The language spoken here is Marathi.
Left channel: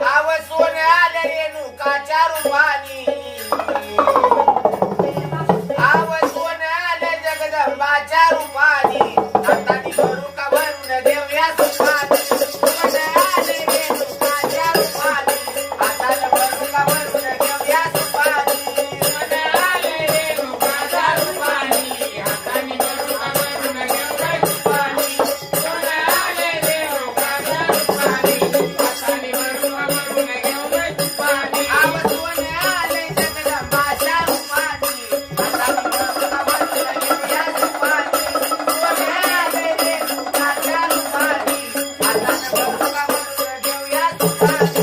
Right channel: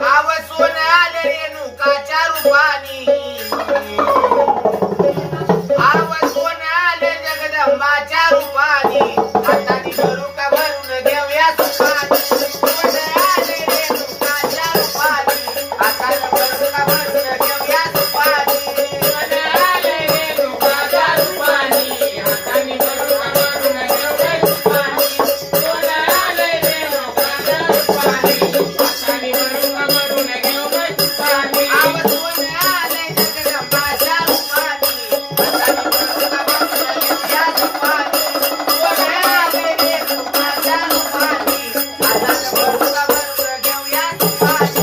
आव सोनं आले रेणुकाच्या रूपानी आव सोनं आले जगदंबाच्या रूपानी हाताने भरू का भरून घेऊया सुखानी सोनं आले रेणुकाच्या रूपानी हाताने भरू का भरून घेऊया सुखानी सोनं आले रेणुकाच्या रूपानी हाताने भरू का भरून घेऊया सुखानी सोनं आले रेणुकाच्या रूपानी हाताने भरू का भरून घेऊया सुखानी आव सोनं आले जगदंबाच्या रूपानी हाताने भरू का भरून घेऊया सुखानी सोनं आले रेणुकाच्या रूपानी हाताने भरू का भरून घेऊया सुखानी